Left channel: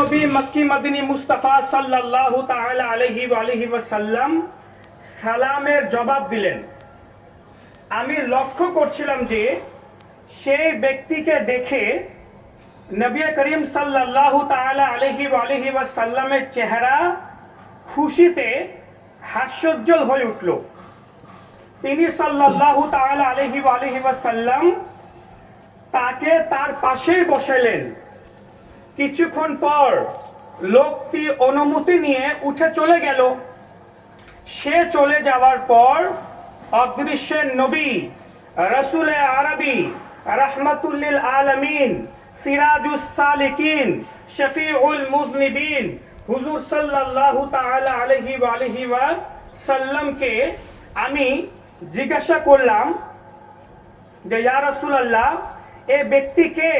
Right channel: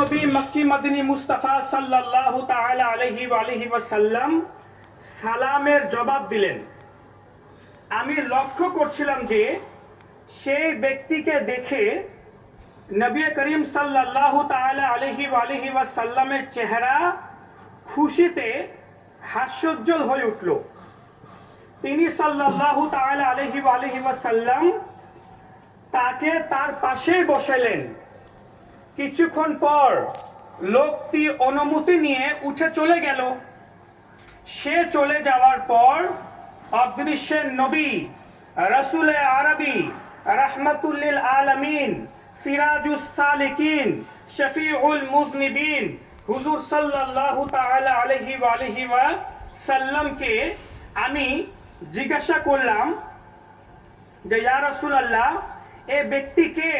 নবী মক্কি মদিনী মুস্তাফা সাল্লাল্লাহু তাআলা আলাইহি ওয়াসাল্লাম সালামের জবাব দিলেন। আমি লক্ষ্য করছিলাম যে সেই ব্যক্তিকে দেখে নবী করিম সাল্লাল্লাহু তাআলা আলাইহি ওয়াসাল্লামের চেহারা খুশিতে হাস্যোজ্জ্বল হয়ে উঠল। তিনি সাল্লাল্লাহু তাআলা আলাইহি ওয়াসাল্লাম তাকে তার পাশেই বসালেন। কিছুক্ষণ পর লোকটি অনুমতি নিয়ে উঠে চলে গেল। সে চলে যাওয়ার পর অদৃশ্যের নবী রাসূলে আরবি রাহমাতুল লিল আলামিন সিরাজুস সালিকিন শফিউল মুযনিবিন হুজুর সাল্লাল্লাহু তাআলা আলাইহি ওয়াসাল্লামকে আমি জিজ্ঞাসা করলাম যে ইয়া রাসূলুল্লাহ, এই ব্যক্তিকে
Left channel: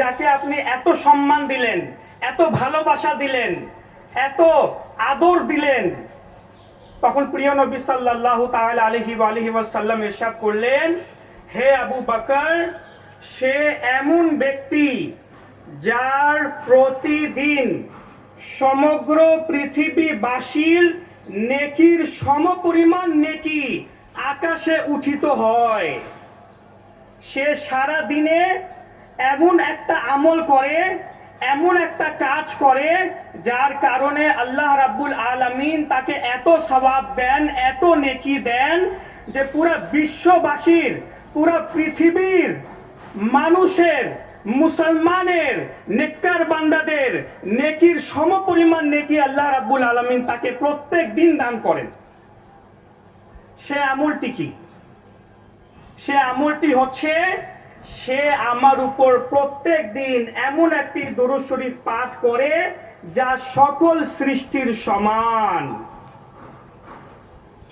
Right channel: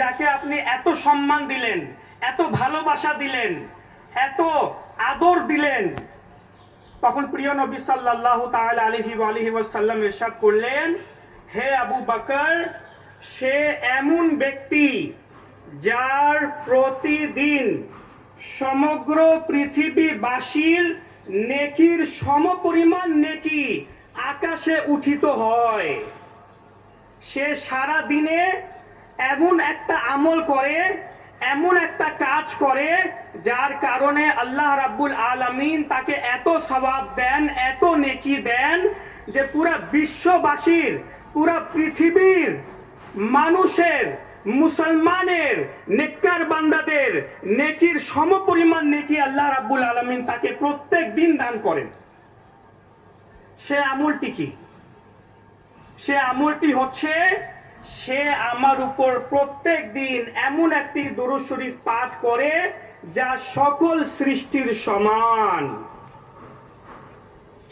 যাকে আপনি এত সম্মান দিলেন, এত ভালোবাসা দিলেন, এত আদর দিলেন, তখন প্রিয় নবী সাল্লাল্লাহু তাআলা আলাইহি ওয়াসাল্লাম ইরশাদ করলেন, হে আবু বকর, সে এমন ব্যক্তি যার প্রতিদিন সমগ্র পৃথিবীবাসীর নেকির সমপরিমাণ নেকি আকাশে উঠিত হয়। সে সারা দিনে এমন একটা আমল করে, এমন একটা কাজ করে, যার কারণে আল্লাহ রাব্বুল আলামিন তাকে এত সওয়াব দেন, এত নেকি দেন যে পুরা বিশ্ববাসীর, পুরা পৃথিবীর মানুষের, মুসলমানের, নেককার বান্দাদের নেকির সমপরিমাণ নেকি আল্লাহ রাব্বুল আলামিন তাকে প্রত্যেক দিন দান করেন। সে আমলটি কি? সে আমলটি হচ্ছে, সে আমার উপর প্রত্যেক দিন এমন একটি দুরূদ শরীফ পাঠ করে যা সকল সৃষ্টির সমান।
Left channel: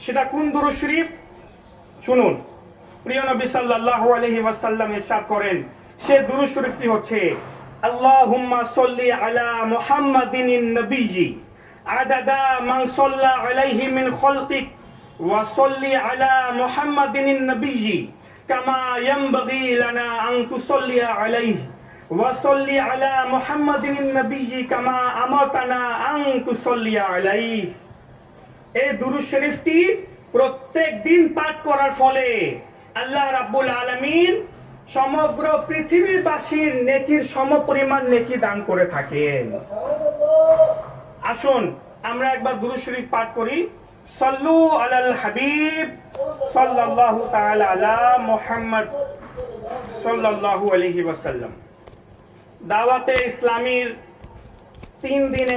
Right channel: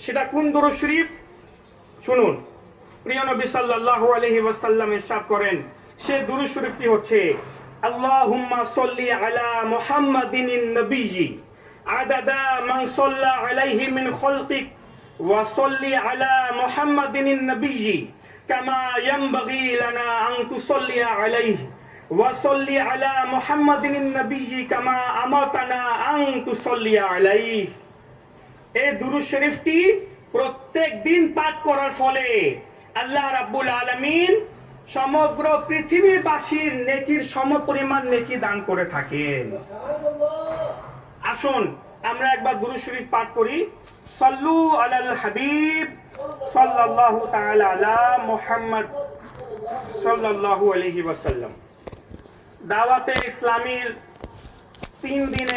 সেটা কোন দুরূদ শরীফ? শুনুন, প্রিয় নবী সাল্লাল্লাহু আলাইহি ওয়াসাল্লাম ইরশাদ করেন, সে দুরূদ শরীফটি হচ্ছে, আল্লাহুম্মা সাল্লি আলা মুহাম্মাদিনিন নবিয়্যি আদাদা মান সাল্লা আলাইহি মিন খালকিক ওয়া সাল্লি আলা মুহাম্মাদিনিন নবিয়্যি কামা ইয়ানবাগি লানা আন তুসাল্লি আলাইহি ওয়া সাল্লি আলা মুহাম্মাদিনিন নবিয়্যি কামা আমারতানা আন তুসাল্লি আলাইহি। এই দুরূদ শরীফটি প্রত্যেক দিন পাঠ করার ফলে আল্লাহ রাব্বুল আলামিন সমগ্র পৃথিবীবাসীর নেকির সমপরিমাণ নেকি দান করে থাকেন। আসুন আমরা একবার দুরূদ শরীফ পাঠ করি। সাল্লু আলাল হাবিব সাল্লাল্লাহু তাআলা আলা মুহাম্মদ সাল্লাল্লাহু আলাইহি ওয়াসাল্লাম। দাওয়াতে ইসলামীর 3 দিনে